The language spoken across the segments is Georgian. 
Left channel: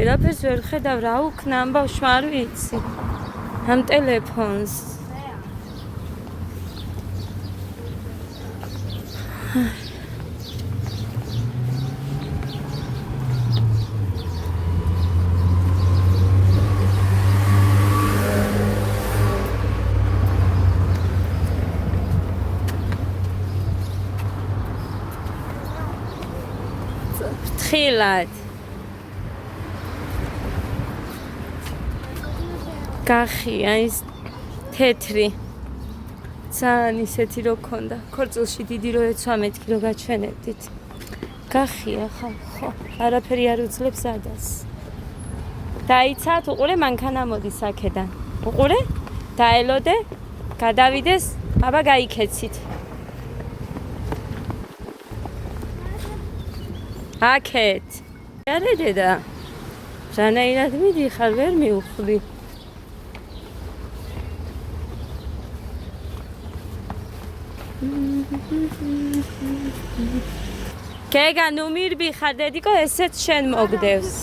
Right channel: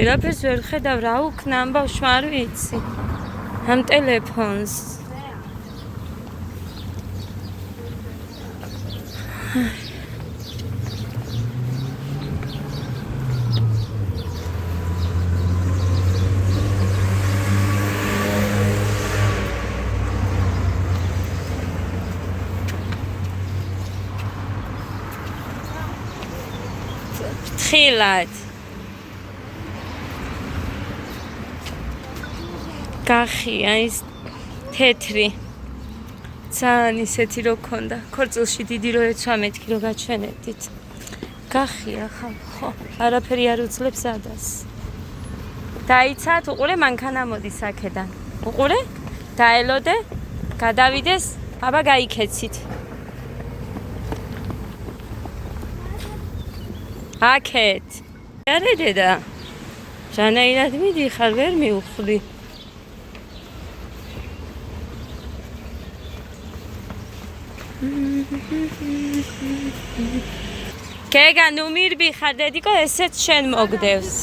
ვერაფერს ვერ ხედავ, რა უქნა ამ ბავშვმა არ ვიცი. ამ ტელეფონს. ხილად. გახია ის თეთრი. ძალიან ისეთი რო ქონდა. ქორწილში დიდი რო ეცვა მეთქი რო გაჩვენებდით. გახია ხო, არაფერი არ უძლებს ადას. დაიცათ, უყურე მანქანა მოდის აქედან. უყურე? დაელოდე, გადავიდეს, აბა გაიქეცით. აქეთ. არა დედა. რანაირად მიდიხარ, ვერ მივხვდი. გეგა ნუ მირბი ხარ დედიკო ესეც შენ მოგდევს.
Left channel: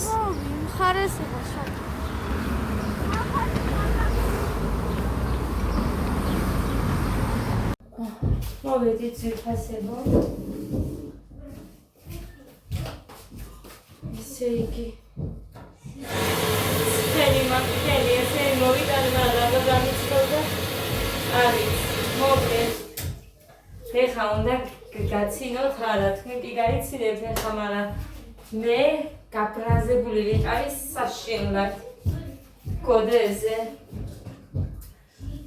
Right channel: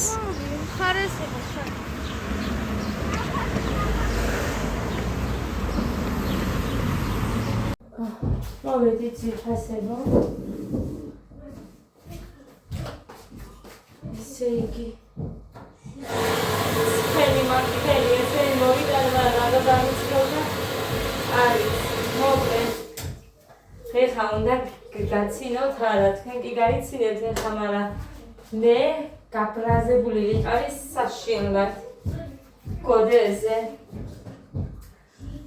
მოვედით ციხესებო. ისე იგი. სფერი მორთელი ესე მოვიდა მაგრამ გამიცხოვდა. არის მოკლე. ეხა უნდა გაცინოთ არა, თქვენ კი გაიცინებთ ეხა, მაგრამ მე გაბრაზებული ვიყავი საშინლად. კოდეზე.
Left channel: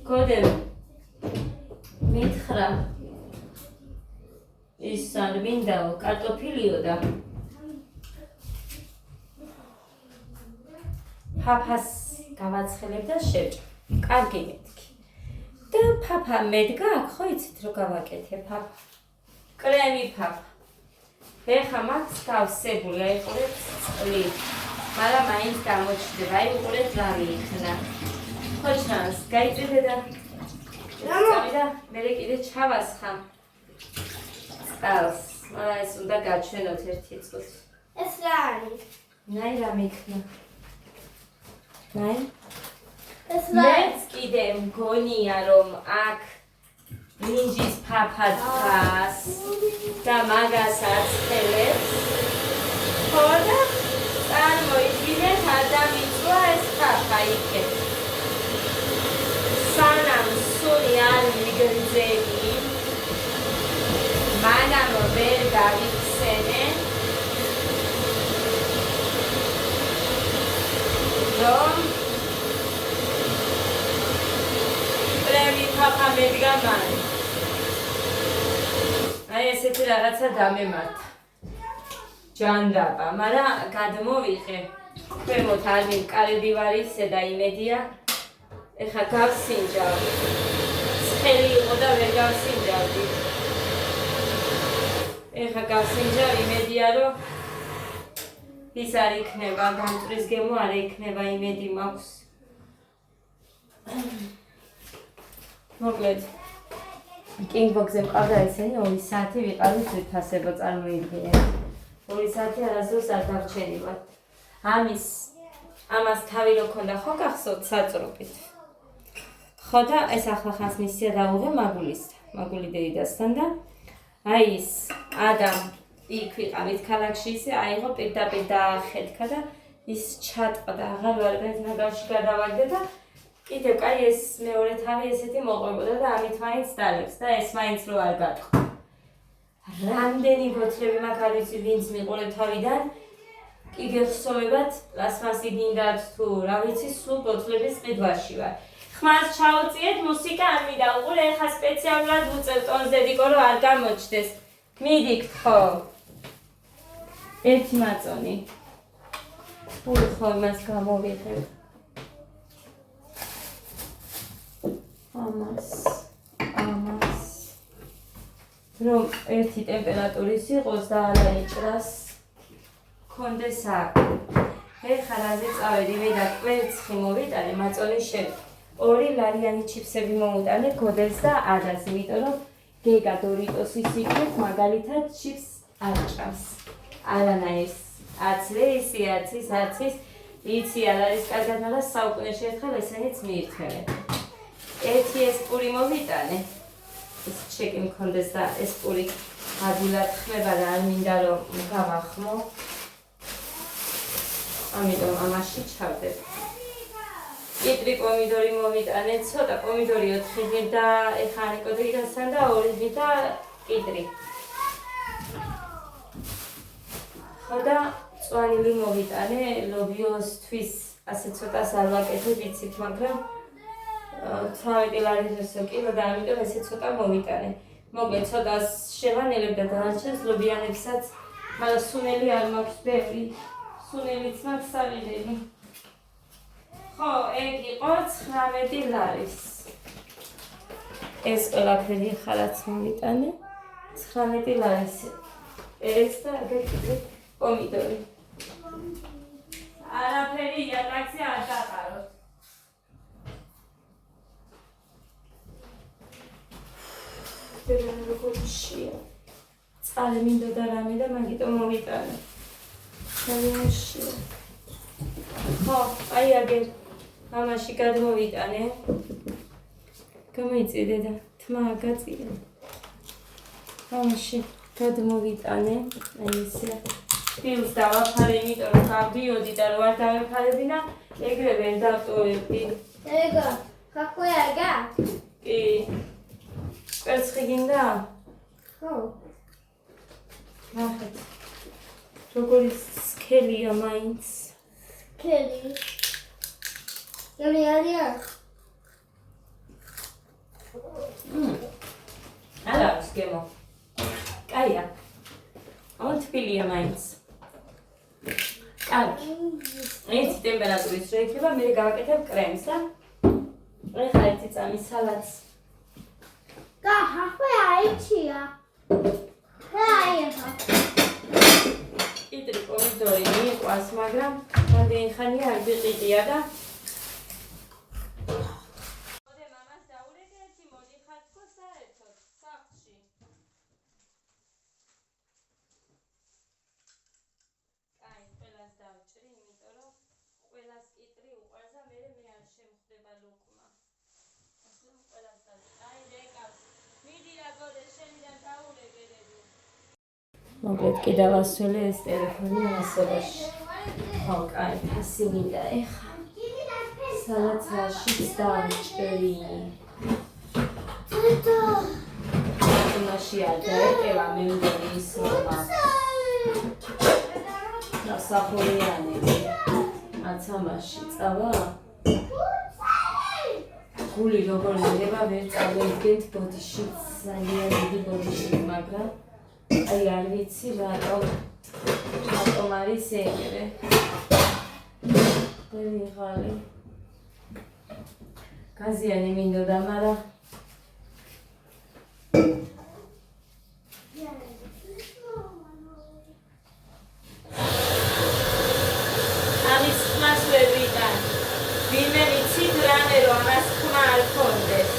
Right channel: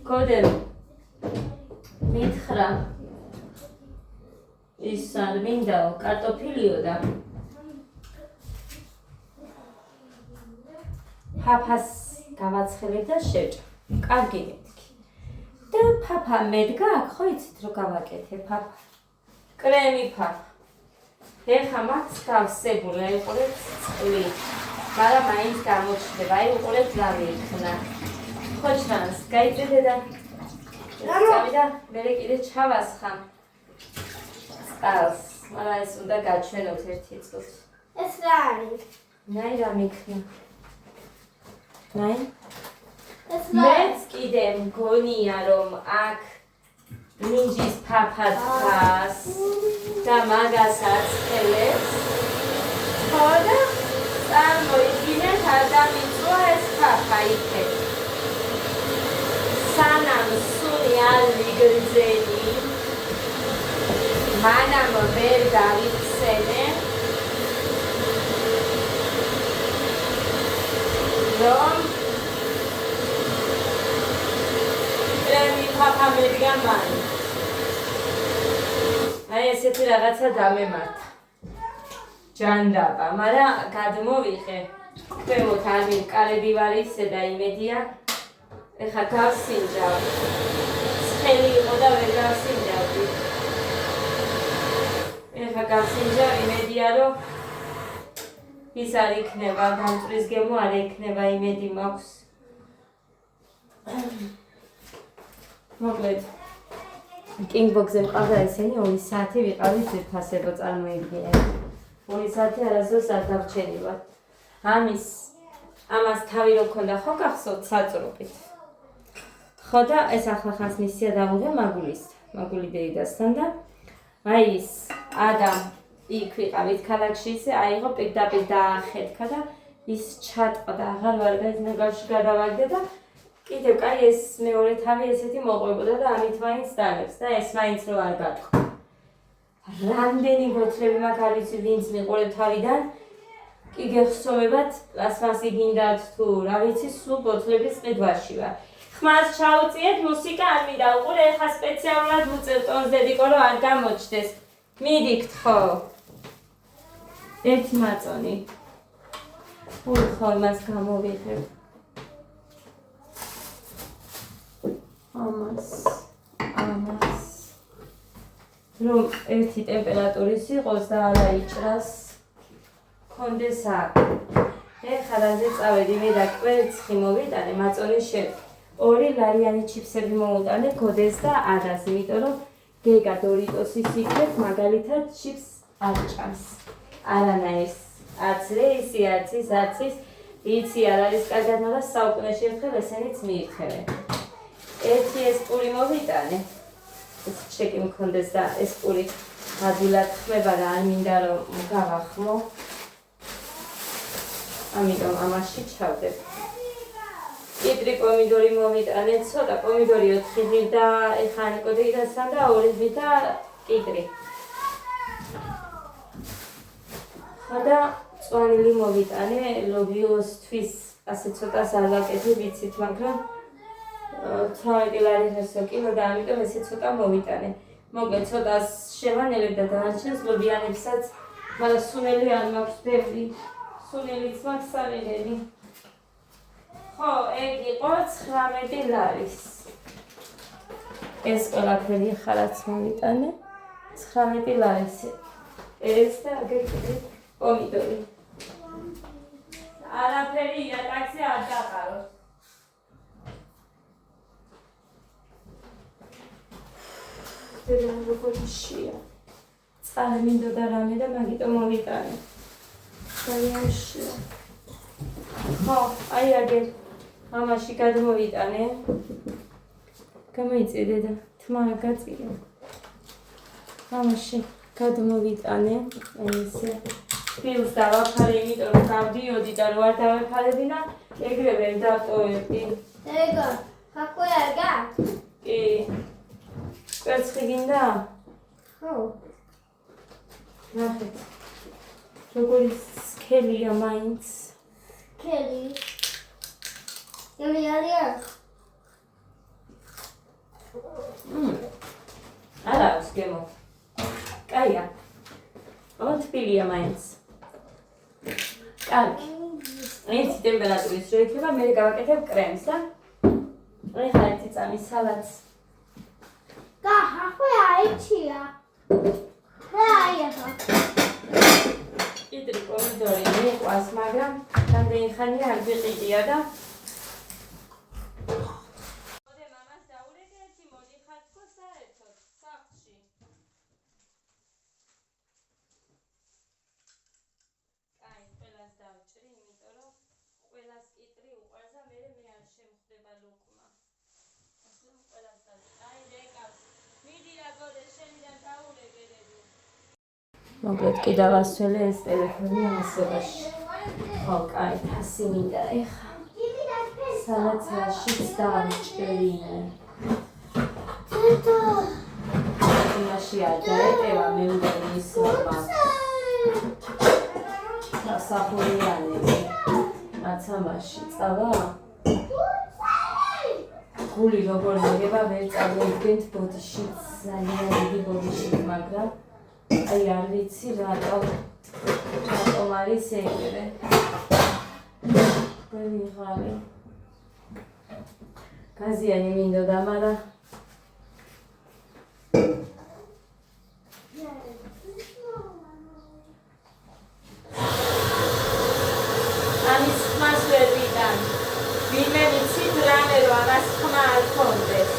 კოდე მითხრა. ის არ მინდაო, კარტოფილიო და ფაფას გავაცხელებ და შევჭ. კარგი მეთქი. და ფაფა მედგა აქ, ხო იცით რომ გავაკეთე ფაფა. კრემი ფაფა. ეხა მაქვს გავსებული, აი უყურეთ წყლი. მაგრამ მაინც გამოჩნდება, აი უყურეთ რა ვიქნა. ხო ჩანს, გაიწედე და წავიდა, მერე კიდე ჩავასხამ. წყალს, მაგრამ ეს უნდა გაჩვენოთ ერთი წუთი. ეს რა არის? ნაი რა მიქნა. ნაი? ეს რა? მეც კიდე მგონია რომ აქ მინჯის ფაფა დგას და მაგას აცხელებს. ხო და წარმოიდგინეთ არ დამიწვა ეს ფაფა იქეთ. სანამ სული არ მიგრძენი, მანამ ვერ გავიხსენე, რომ კრემი ფაფა მედგა მან. აი ესეთი რაღაცა დამემართა. ჯანდაბა, მაგრამ გადმოვიღე. ქვემოთ არის კალედივარისე და იმედია. ეხა გავსინჯავ. ცხელი იყო და ვერ გავსინჯავდი. ეხა გავსინჯავ, იმედია რომ ის არ იქნება, გამწრის გემო არ იქნება, იმედი მაქვს. მოკლედ კინგბოქსზე მყავდა ესენი 2 საათი ვიყავით ძირფასებო წარმოიდგინეთ. 2 საათი არასდროს არ დავჩენივად. ამას თავი რო ქონდა ხო გახსოვთ საწრობით. ხო და ეს ახლა ხანს მისია დავუღე მაგული დეიდასთან და აი ის ადამ იქ ვიყავით ქალაქში ისე აიღო პირდაპირ დაახეთქა და ის ჩატყდა აღარ ვარ ნაგავში გადავაგდე და კიდევ კაი ეს მეორე თავი ესეთი მოყვებოდა და ამით მაინც დალებს და ეს მაინც რო არ გატყდა. რამდენი ბოთლები მაქვს არ ვიცი ვინც მიყურე თავიდან კი გეხსოვებათ პლასმასი გინდათ თუ რა ვიცი სულ ბოთლების ყიდვაში ვარ. ხმას ჩაუწიეთ მუსიკა არ მინდა უყურე ეხა სპეციალურად უწევ ტონს დედიკო რომ არ გამოჩნდეს. მიდიქთ ხო? ერთი მაწონი. ხო იმას გამოვიღებ. ამას რომ ერთი ტემპერატურის იყოს და არ აიჭრას კონდეს აქ. ეხლა რაზე წავედი ვიდა კვერცხი მოვიტანე მაწონი შევ. 2 ლარიანი ჩიფსები მოუტანე გოდეს და ადას, იმიტომ რომ გეგა დორიტოსის იქნებ მაგალითად ჩიფს არ ჭამს. არანაირს არც რეისი, არც ის იცი არ არის კარგად, მაგრამ საუკუნეში ერთხელ ესენიც მიირთმევენ. ერთი ეს პური მოვიტანე. ეს ჩეკი მქონდეს და ეს პური ადვილად ხმება და არ მინდა რომ გავახმო. ამიტომ ამაში ჩავდებ. კიტრი პომიდორი მოვიტანე, ცოტა პომიდორი 4 ღი და ეხა ნიკოდეიდასთან და 2 ღი და კიტრი. ხოდა წვანილი მოვიტანე, ლობიოსთვის ასე ცოტა ზარვაკეთი ვიცით, მაგრამ 18 ლარი ხერსო კილო და ამიტომ ესე ცოტა მოვიტანე. მოკლედ ცოტა შევანელებ და დაარჩენს ლობიანებსაც, მაგრამ სუნელი არ მაქვს ბევრი. სუნელიც მაქვს სალიდელი. ხო, ეგ იყო 19 ლარის. ეს ყველაფერი ხალაც მოვიტანე. 19 ლარის. ეს და აგეკიდე პომიდორი. არაფერი იატაკზე არ დაყაროთ. როგორია? წყალი მინდოდა რამე და მაგიტომ მოვიტანე. ხო, აი აგერ ამაში გადმოვიტანე. გამოიწე და თმა გაწია. ამაში გადმოვიტანე. აი ესე. ფილს დავაფარე, იმიტომ რომ გავდიოდი და რო არ დავეფარებინა, ეგრე ვერ დავტოვებდი. Ego, какой арга? კი. კერცხი გინდა? ხო. ნახეთ. როგორი სქელია მაინც. Кელი. Ялია. არა, სქემო. კაია. თბილია მაინც. კარგი. ეს ტემპერატურის რო იქნება, მე გავაკეთებ კრემს და ეხლა ერთი წამი სალატს. Какой აიჩია? Რაიება. კიტრი პომიდორი მიყვას, მაგრამ რამდენი ხანია არ ვიყიდია და მოდე მამას დაურეკეთი, მოდიხარ თქო საერთოდ სახლში. კაი, ყველას დავჭრი, იმიტომ რომ ყველას კიტრი უყვარს და მე არ შემხვდება ლუკმა. ასე რომ ყველას დავჭრი. აი, რეკავს. მიდი რა გოდე, შენიდან დაურეკედები. მოკლედ კიდე ვასველე ეს ტელეფონი ასობაში. ხო, კაი, თასი მინდა ეხა. სალათაშიც დავჭრი. იმაში არ დაეტევა მე მგონი ის რომ სასახურიანები. მაცამაში წავა. გული როგორ მიგება ვერ წავედგენთ ბოდიში, ძალიან დიდი ბოდიში, მაგრამ აი არ ვიცი რატომ არის ეგრე. ვიღალი. გაზიანი მინდოდა, მაგრამ ამის ხმას ვერ ვიტან. ვინმე ვიცით რამე რომ ამას ხმა არ ქონდეს.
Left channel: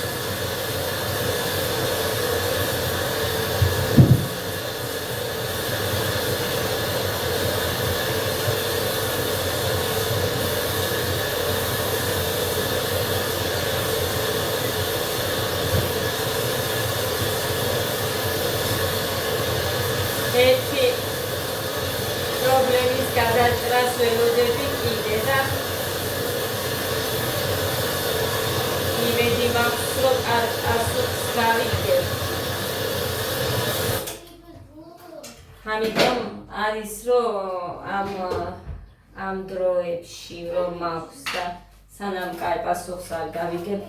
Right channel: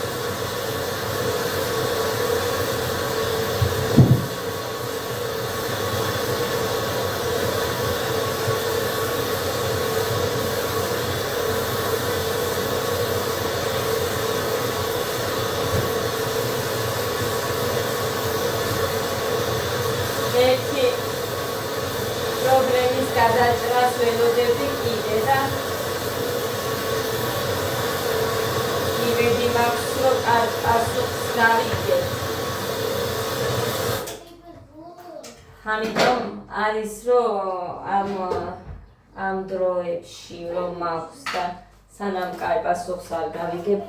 ერთი პრობლემის გადაჭრას ველოდები კიდე და იმედი მაქვს, რომ პასუხს გავიგებ. ამიტომ არის, რომ ამ დროებში რომ მაქვს და სანამ კაი პასუხს არ გავიგებ,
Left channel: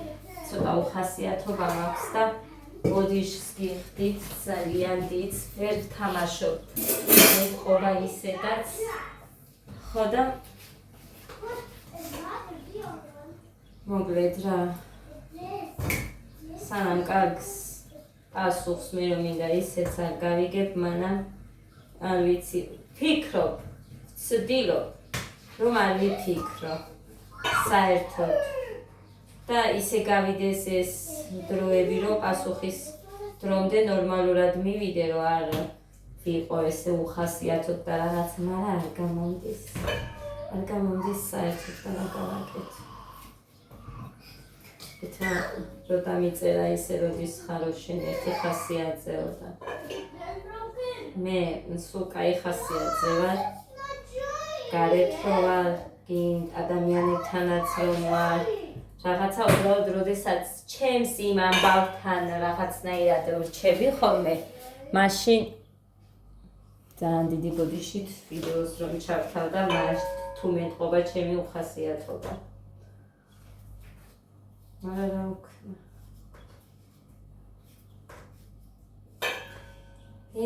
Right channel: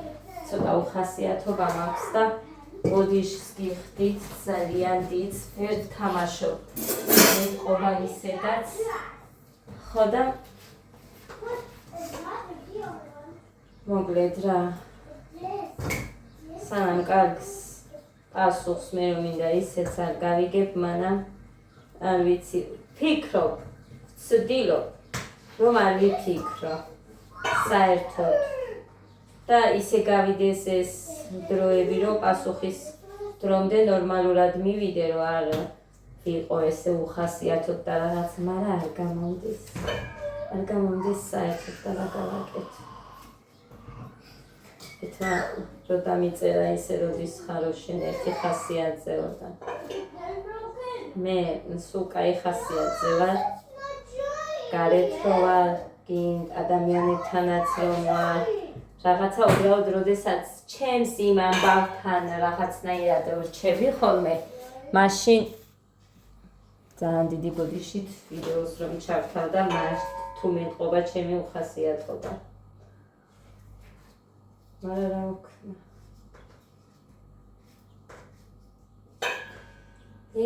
ცოტა უხასიათობა მაქვს და ბოდიშს გიხდით, ძალიან დიდ, ვერ ვთამაშობ. მე ყობა ისედაც. ხო და მოკლედ რა. სანამ კარგს პასუხს მე რომ მინდა ისეც არ გავიგებ, მანამ არ ვიცი, ვფიქრობ, ვცდილობ, რომ არ ვიფიქრო საერთოდ. და ისე გავიდეს ეს დროები, რომ პასუხის დრომდე ნორმალურად მივიდე, რომ არ ვიყო ესე უხასიათოდ და რაღაც, მაგრამ არ გამომდის. არ გამომდის საერთოდ დაგაკეთე. ეთმა რო დამიწერა ისე როდის ხარო შენ ერთი ხასიათზე ვარ და მე სულ კაი ხასიათზე ვარ. გარეთ რო ვარ, გინდ ადამიანებთანაც რომ ვარ. რაღაცა უბრალოდ როდესაც ჩემს იმ ამბავთან რაღაცნაირად ვრჩები ხოლმე, მაშინ ძალიან დიდი ბოდიშით ვიდეოს რომ ჩავთავ და მაშინ თუ მეტყობა ჩემი უხასიათობა. მაგრამ რა ვქნა.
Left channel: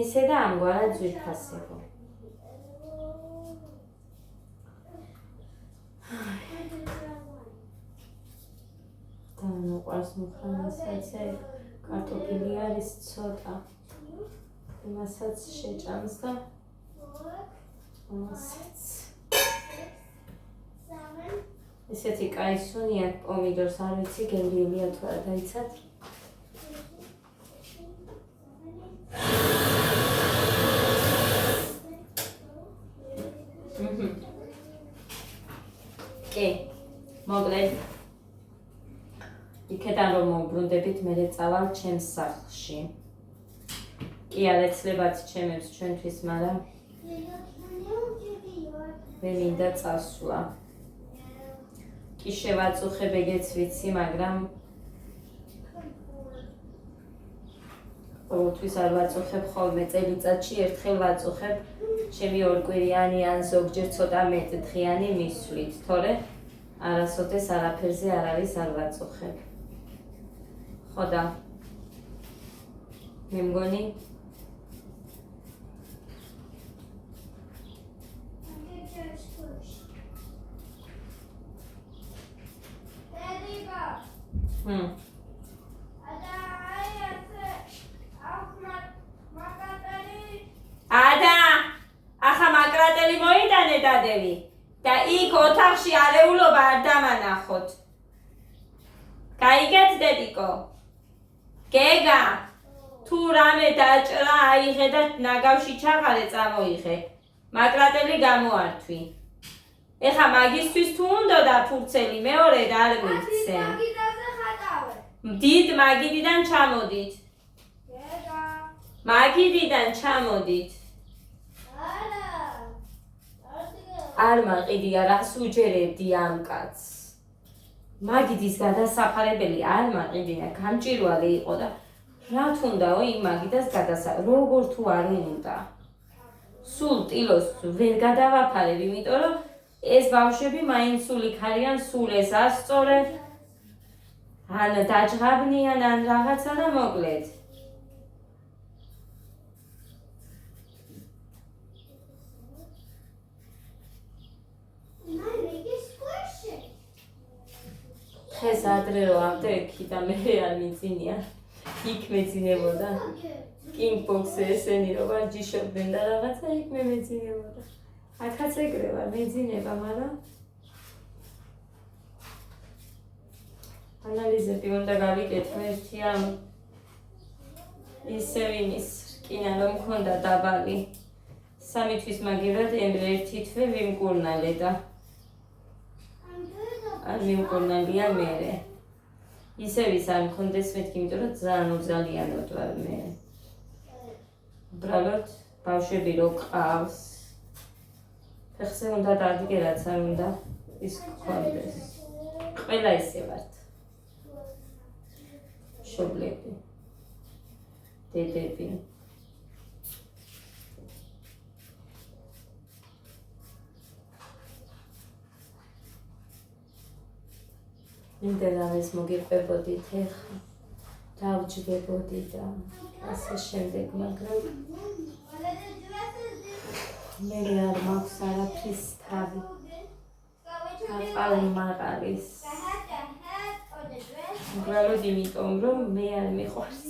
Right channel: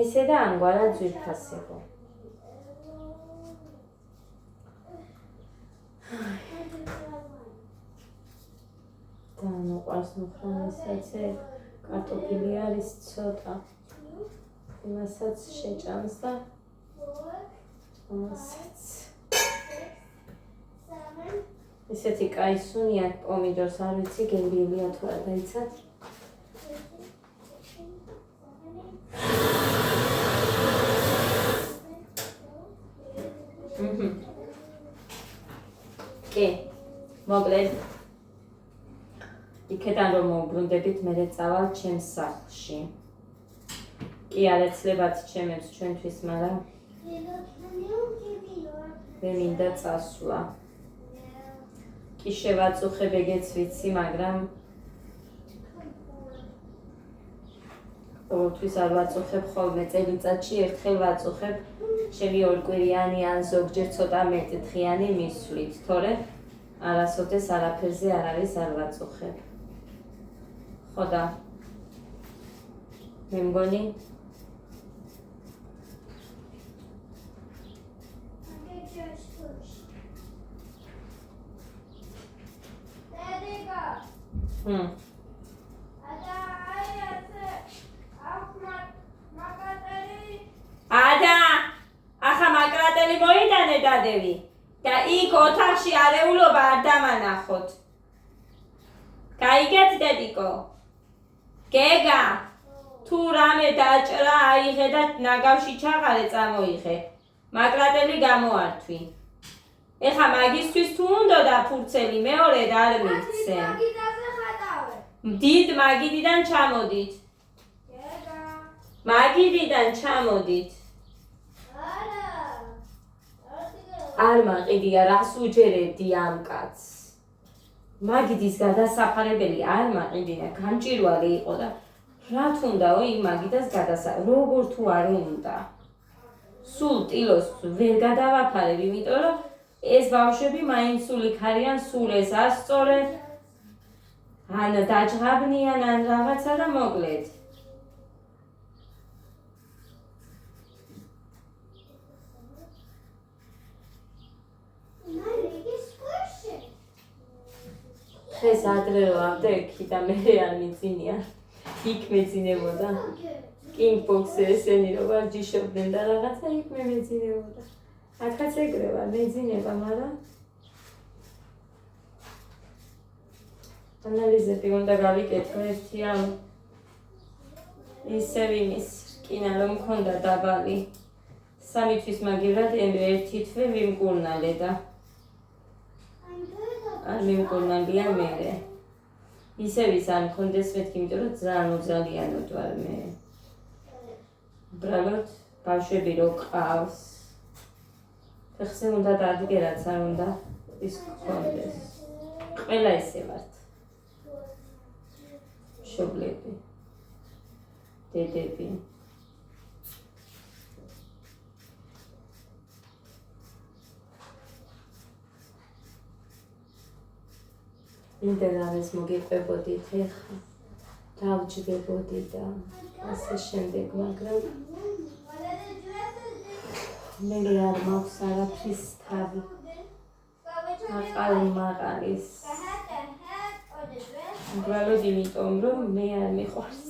ესე და ამგვარად ძვირფასი იყო. და მოყვარს მუხრანისაც კარტოფილი არის ცოტა. იმასაც შეჭამს და ამასაც. ესეთი კაი სუნი აქვს პომიდორს არ ვიცი გემრიელია თუ არ დაიცად. კი, მოკლედ იქიდან რომ მოვბრუნდებით მე წავალ ჩემს სახლში. კი არ ეცლებათ ჩემებს ჩვენთვის, მაგრამ მე მინდა წასვლა. კი შევაწუხებ ეგეც ვიცი, მაგრამ ყოველთვის არ ვაწუხებ ხოლმე წელიწადში ერთხელ ვაწუხებ ჩემი ორკვირიანი ან ზოგჯერ ცოტა მეტ დღიანი მისვლით, თორე არასოდეს არაფერზე არ არის არ ვაწუხებ. ხო და მე მგონი ადა ახლა მაკრატელი მოიტანე დადევი და იქ ოთახში არეულობა არ დამანახოთ. გაიგეთ დედიკო? გეგა თუ რამე დაჭრა აიღე და ნაგავში ჩაღარე წამოიღე. მაკრატელი გამოართვი. ეხა მაგისთვის თუ უნდა და ფურცელი მეორე არ მიცე. დიდ მაგიდიდან ჩამოდით. მაგიდიდან ჩამოდით. არ მაყიდია რას უჯერებდი ამ კაცს. მაგიდის გადასაფარებელი არ მაყიდია, გამჭირვალე იყო და რა თუნდაო იმ მაგიდას როგორ თუ არ უნდა. სულ ტილოს ვერ გადავაფარებ, იმიტომ რომ ეს ბავშვები მაინც სულ იქ არიან, სულ ეს ასწორენ. ან დაჯღაბნიან ან რაღაცა და მოკლედ. ხეს ადრე ვავდე იქი და მე არ მიძინია. იქ მეძინებოდა. კინგბოქსზე ესენი რომ არ ჯიშობდნენ და რაღაცა იქ მე მეძინებოდა. აქაც ეგრე ვარ, მეძინება, მაგრამ ანალიზები უნდა გავიკეთო ერთი ამ ისევ იმის რკინა რომ მქონდა დაბალი. 3 თვის მაგივრად ერთი თვე ვიმკურნალე და არ მიმკურნალია მერე. ისევ ის არ მქონდეს მეთქი, იმიტომ რომ ძალიან უძალიანოდ ვარ მე. უბრალოდ ბავშვები რო ყავს. ფეხზე უნდა დადგე, რაც არ უნდა ის გქონდეს. ყველა ისე ვართ. მშობლები, დედები. ინტერნეტს მოგიყვებოდით ეხლა, დავჯდებოდი და ასე შემდეგ, მაგრამ მე არ მაქვს არაფრის თავი. აყალი მაყარის. უბრალოდ იმიტომ, რომ მე არ მიყვარს.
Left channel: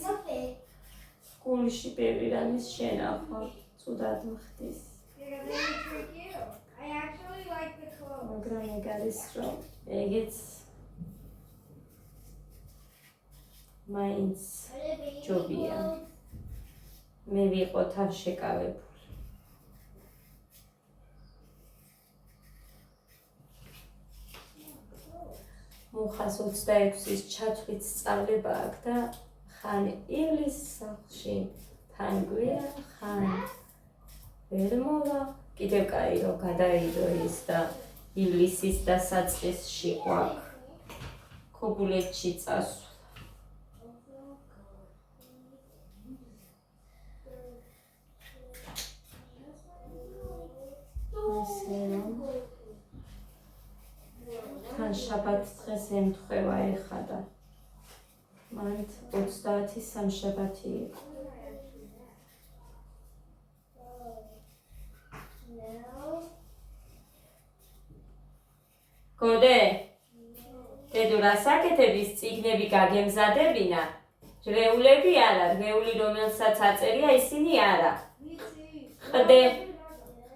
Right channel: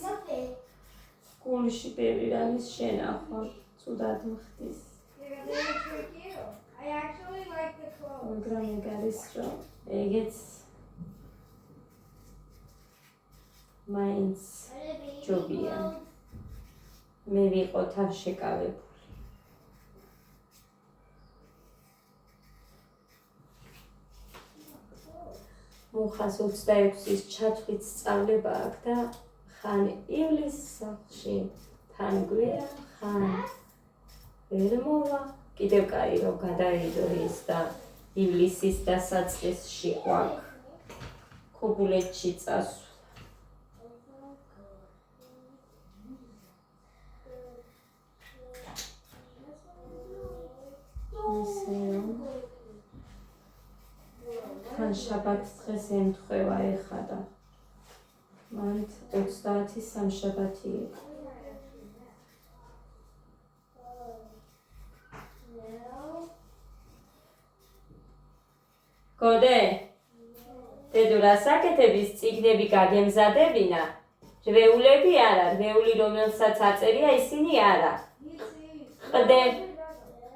გულში ბევრი რამის შენახვა, ცუდად მხდის. მაგრამ ეგ არის, რომ ეგეც მაინც ჯობია. მე ვიყო თან შეკავებული. მუხას 26-ის ჩათვლით სწავლება აქვს და ხან ივლისის სახლში, თან გვია, ხან ვერ მოვა. კიდევ კაი რომ გადაიდო ის და ივლისის დასაწყისში ყვაქ ქობულეთში წასვლა. თან შაბათს დღეს ემთხვევა ეხა და მანდ 30 სამშაბათი იყო. გოდე, დედო რას აკეთების წიგნები გაგემზადებინა? რვეულები არა, რვეული რომელსაც აწერია ისინი არა.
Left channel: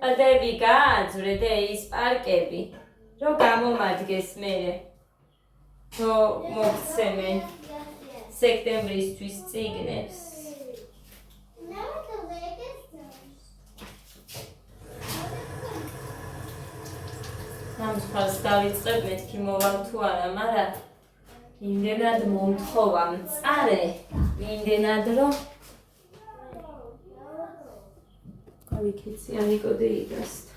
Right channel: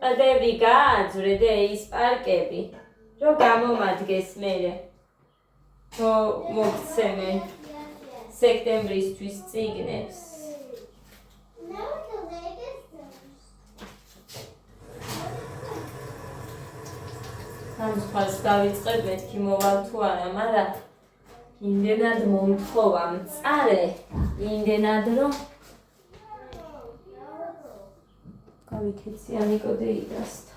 ყდები გააძვრე და ის პარკები, რომ გამომადგეს მერე, რომ მოგცემენ სექტემბრისთვის წიგნებს. ამ ხალხს დავიწყებ მეთქი მოვალ თუ არა, მაგრამ იმდენად მომთხოვა მწარე, იმდენად რომ გავიქეცია ნიკოდე იგასთან.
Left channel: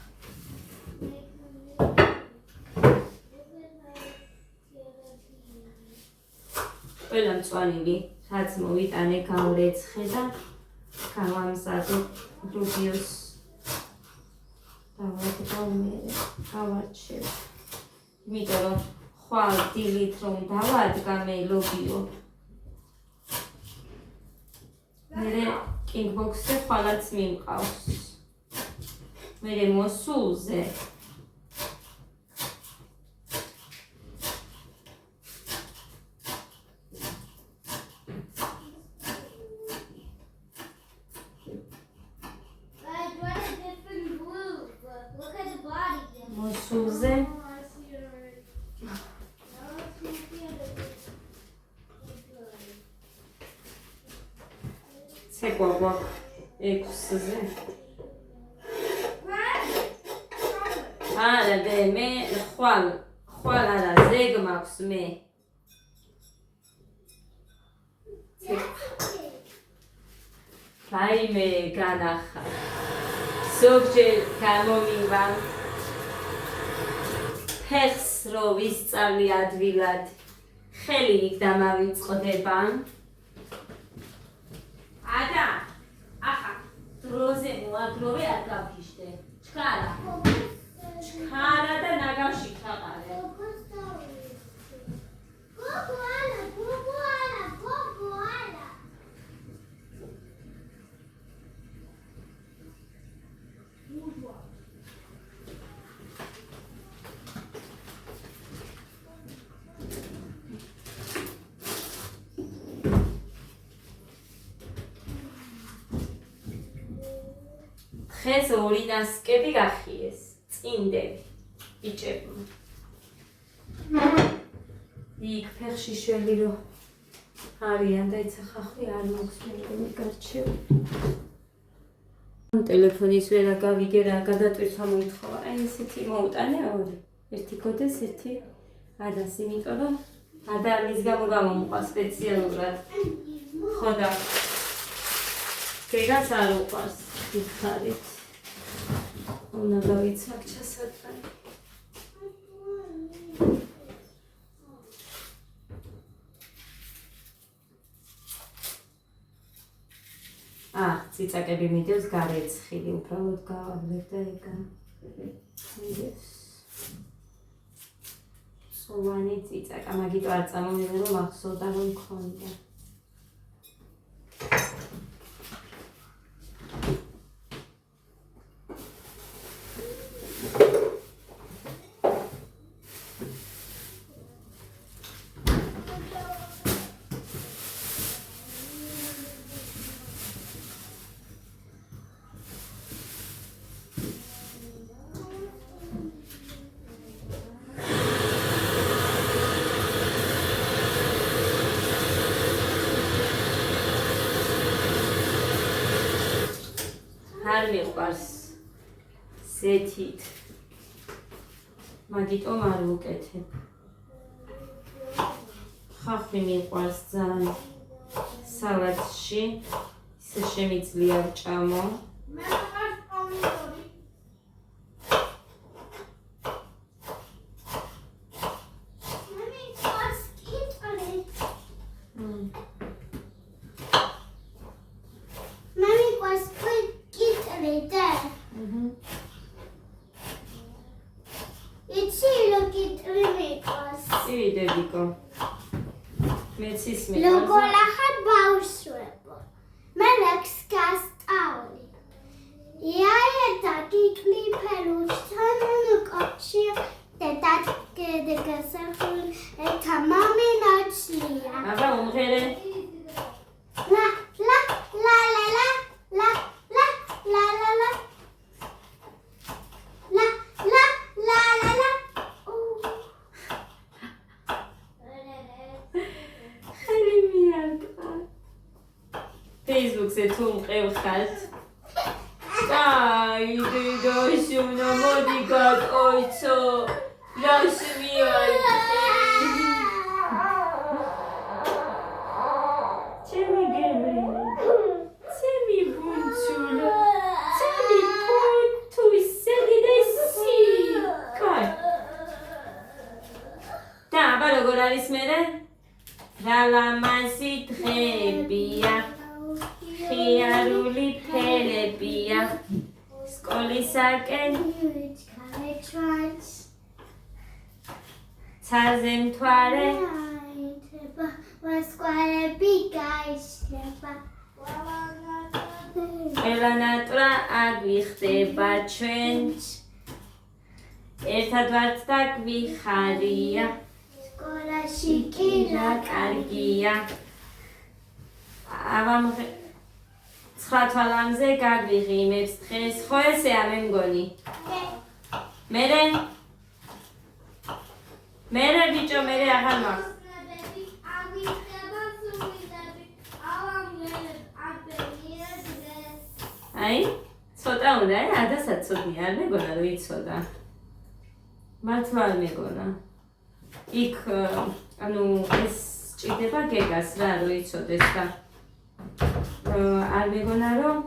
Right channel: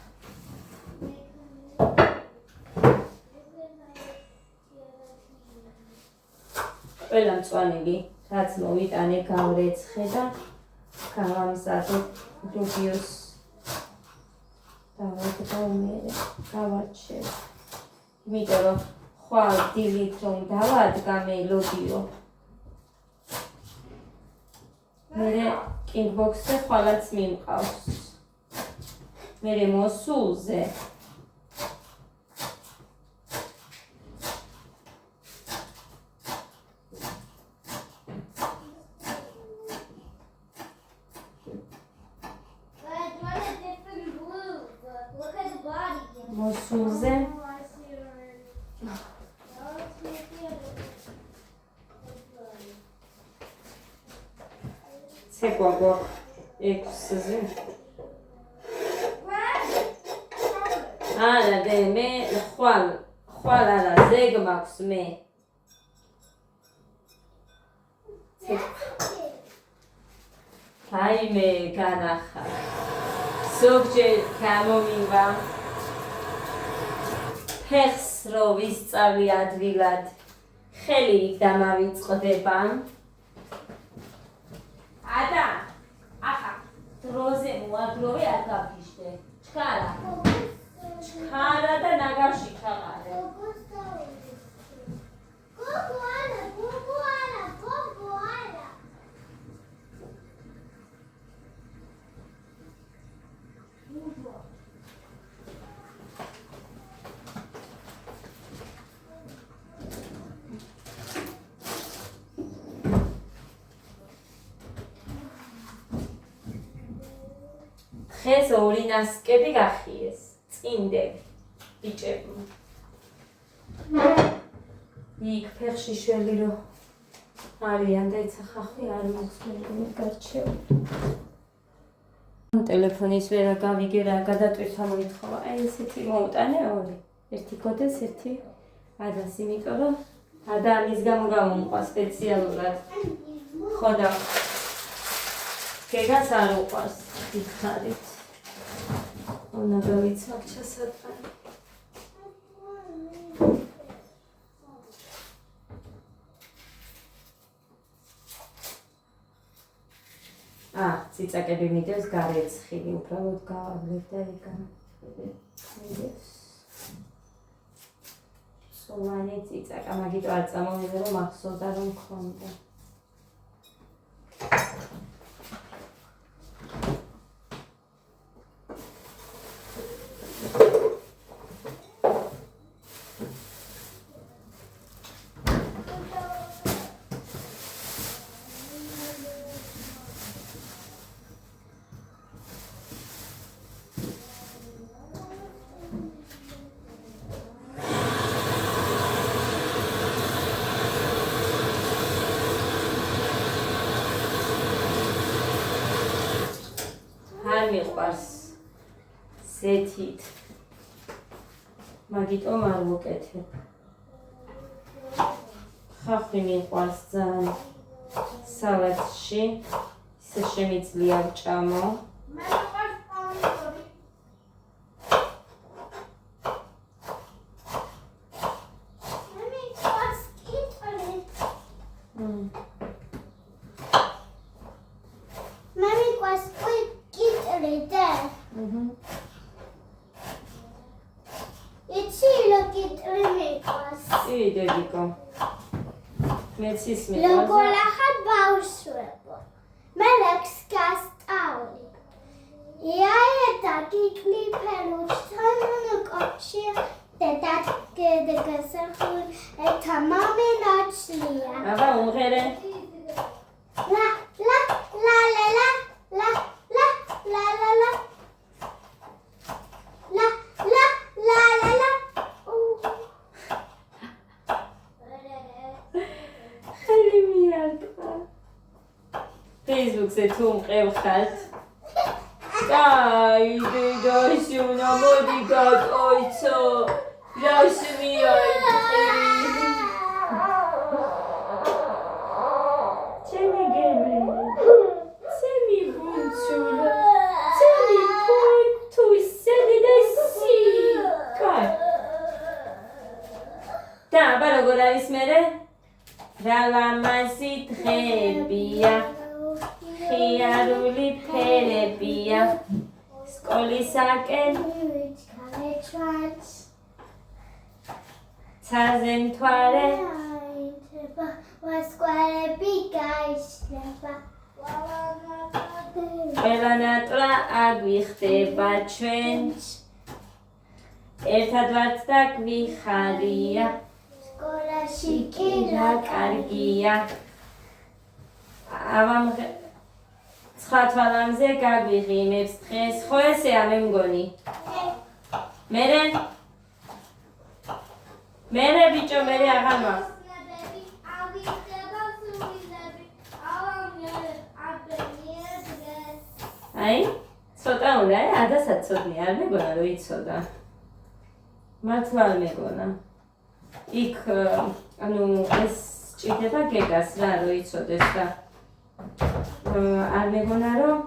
ყველა მწვანილი, რაც მოვიტანე გავრეცხე და გავამზადე ლობიოს დავაგდო მერე, გავარჩევ. იმიტომ რომ ხვალ დილით რომ დავადგამე ლობიო. მერე კინგბოქსზე ხვალაც მიმყავს. მერე მოსულზე მოსულზე ცეკვაგვა 6-ზე არა დე მე ხვალ არა ზეგ მაქვს მე რაიმე განახარ ზოგჯერ გამომივა ფეხს რო ვისწავლი ადვილად ხელი იქ დამავიწყდება ადა ახა დროზე მოაგროვე არ გავგიშდე ჩქარა და ნაგავში ჩაყარე დღეს ორი ნასკები გახიეს, წინდები, ბიჭებმა. იქ ფეხში შველი რომ არიან და ეცა ხახვი არ მოხსნელი გარჩევ. ტელეფონის ვერა გავიგე რა გადატვირთვა მოითხოვა. აი ესეთი მოუტანე ორი. ერთი კოდეს, ერთი ადას, იმიტომ რომ ადა ამის გამო გამომყვა სპეციალურად. ხო და გეგას არ უყვარს გითხარით. უნდა დავიცავ ჩასატანი. ციცაკები მიდევს გარეცხილი, უბრალოდ გავავლებ და ეგა მიდევს. სოვანი ციცაკა, მაგიტო არ წამოვიდა რომ ახსოვდა რომ მქონდა. არ მიყვარს ზეთით მაგიტომ არ ვუკეთებ ხახვი მიყვარს ძალიან სალატში. ისე შემიძლია ვჭამო. დედიკო მეც ის როგორ ახალ ბავშვებო მე ლექს გასწავლი იაეთა კიკლიფერუს თანუკოჩი დედაგასახული ეთა მომინაცლია აბა უმღერე ლა ლა ლა ლა ლა ლა ლა ლა ლა ლა ლა ლა ლა ლა ლა Facebook-ზე თუ მყევხართ. აი, დედაშუნა, მოდი გატოიცო. რასმიანი. ჩემი გემრი. ჩემი ბუნჩულა. ჩემი ფოთუსი დედესი. კაი. და აბა როგორ არის მერე? რა ლამაზი დღეებია. ხიარული ფერებია სკოლისაკენ ცაზე მთვარე ვასკვარები გაიშლება ყველა ნატრა აგვიხდება ჩვენ ერთად ვართ და გვიხარია სკოლაში კი რა კარგია ავამ ცხა თვალამზე გაგვიღიმებს დღეს ხო ესეა მე მგონი მერე ბიჭო მერე აღარ მაქვს აი ცოტა უნდა ადასაც ცოდნი არ მეგონა რომ იცოდა მართლა არ მეგონა იქ ანუ ეს ჭირდება გეგას რა რომ იცოდეს და არ მეგონა რომ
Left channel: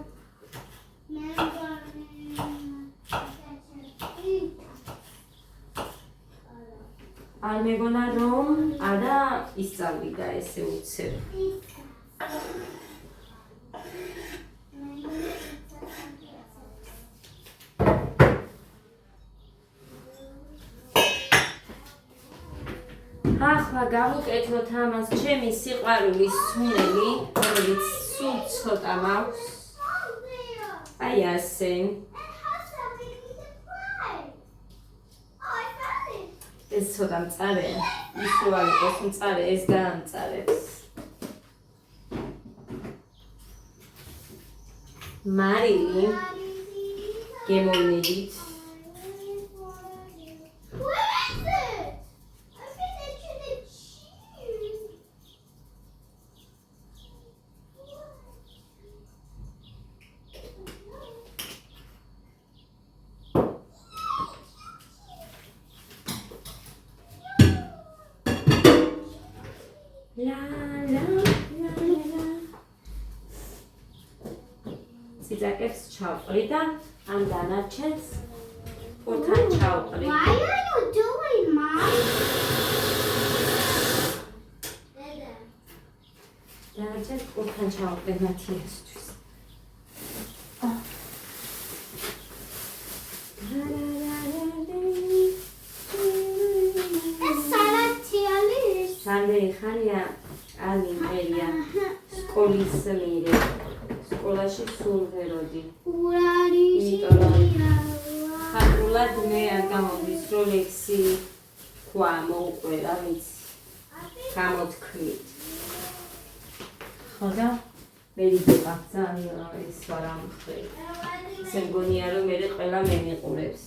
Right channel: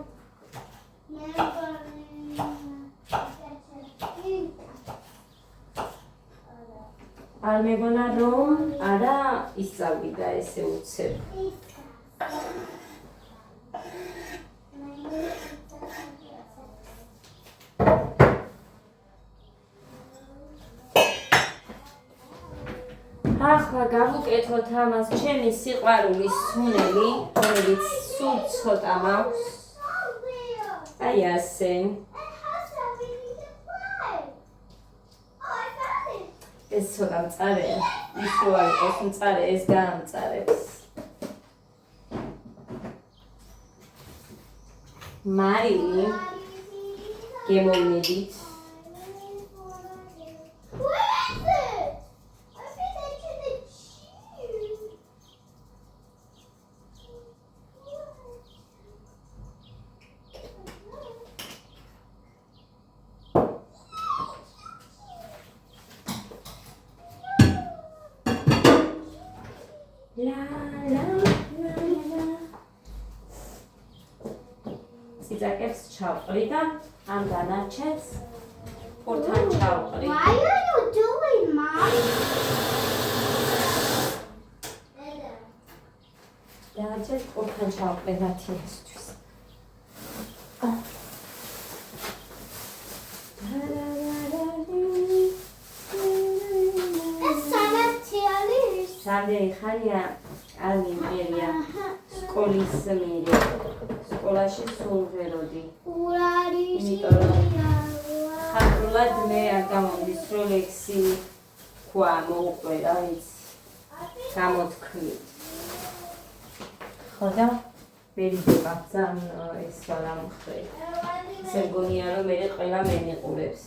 არ მეგონა რომ არა ისწავლიდა ესე უცებ ახლა გავუკეთოთ ამას ჩემი სიყვარულის სუნელი, რომელიც სულ ცოტა მაქვს. აი ასე. ეს ცოტა მწარეა. ის რო არ იყოს მწარე, ეს გაამწარებს. მარილი გემოვნებით. ციცაკებს ჩავყრი და ამ დანარჩენს პურთან ჩავყრი. Why are you doing, Mom? დანარჩენს პურთან ჩავყრი მათიასთვის. ეს სალათი არის. რამდენი ხანია არ მიმღერია სკოლის მიერე. სკოლაში სულ ვეროდი. იმიტომ რომ ხანდურად მე არ გამომდის რომ ლექსი თქვა მოუყვება იცი გამოთქვით ხო და მერიდება ძალიან ეს არ ამხრე ისე მგონია რომ მე ყველა მენიყურებს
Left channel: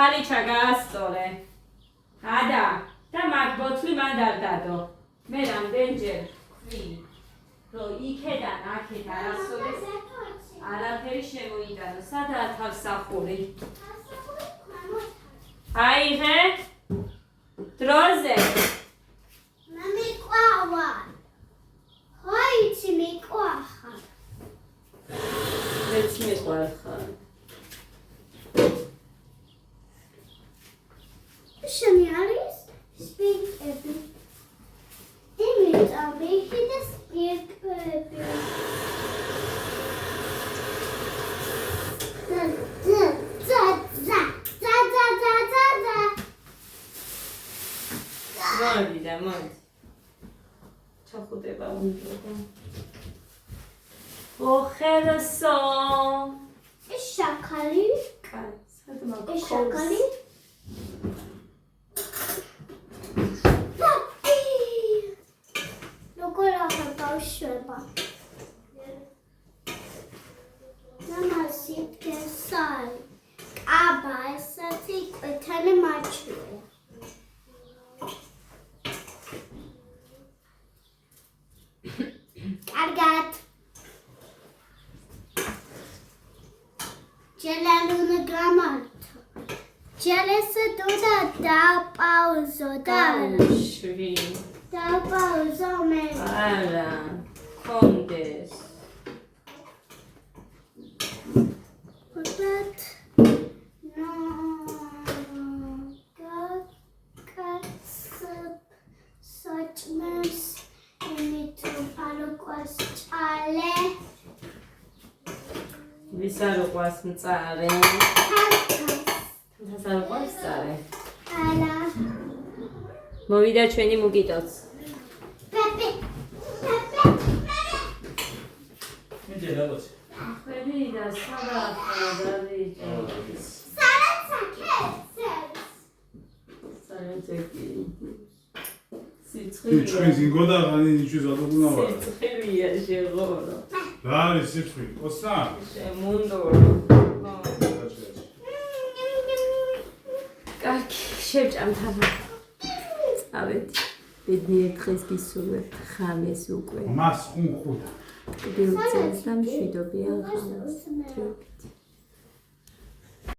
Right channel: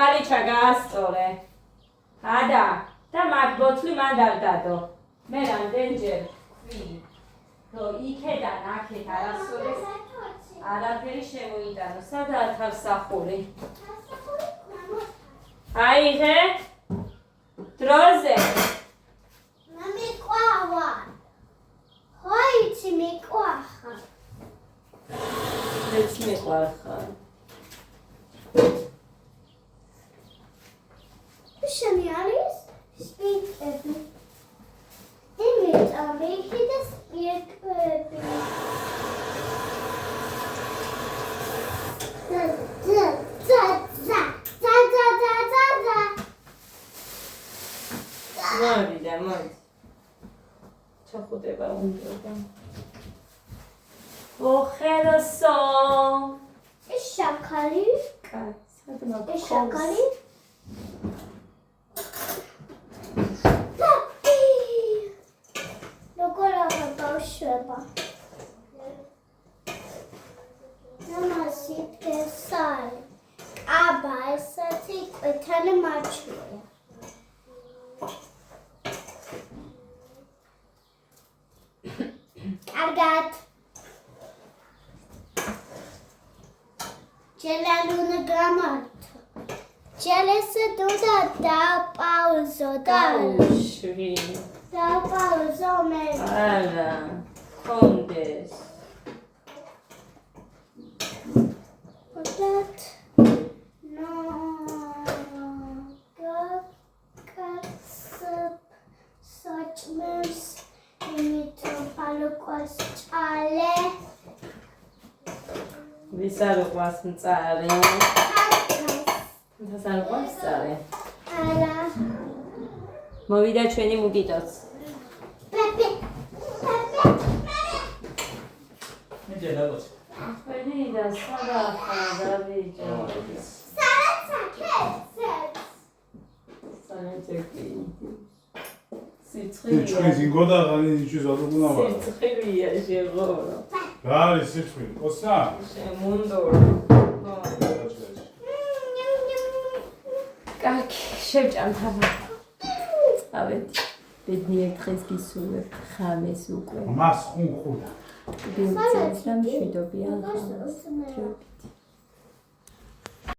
ხალიჩა გაასწორე. ადა და მაგ ბოთლი მანდ არ დადო. მე რამდენჯერ ვი. რომ იქედან აქეთ არასოდეს არაფერი შემოიტანო. სადაა თავსახური? აიღე. დროზე. მამიყვავა. ხოიცი მიყვახა. მეც მიყვარხარ. შენი არის სპიკები. იმიტომ მიხიდა სპიკები. მოდი. ჩახუტება უნდა. ოხეროსო. ეს შაქარი. კაი, სადმა ეს შაქარი. როგორ ახლა ბავშვება? ნამასი ფესარი. აბა, ესაც იკვეთანი მაჩვია. კარგად. ჯელალუნა გამართა. ჯელესა დოდა დაპაუზო და შვი. დაპაუზო მე. არა. კონდეს. But no such mess you need to follow chale ვისარო ყვას მწარე. თასარო ყვას მწარე. ala მოვიდა ჩვენი მუგიტოც. pepe მიდედა გოც. ხვენი და სადაა დავიჯე. სარეთეკი. თუ ჩვენს ინგოდა ღანი ნიჩის ადუგუნავა. სიცხილია შეღორო. რა არის სიცხი? ოსა? შემუნდორო. კარგი, შევჭამ თავი. წავედი. ბედნიერ დღეს გისურვებთ ხამეს უკვე. მას ხუნ ხუდა. ვიდეო წელს და მშვიდობიან ხამას.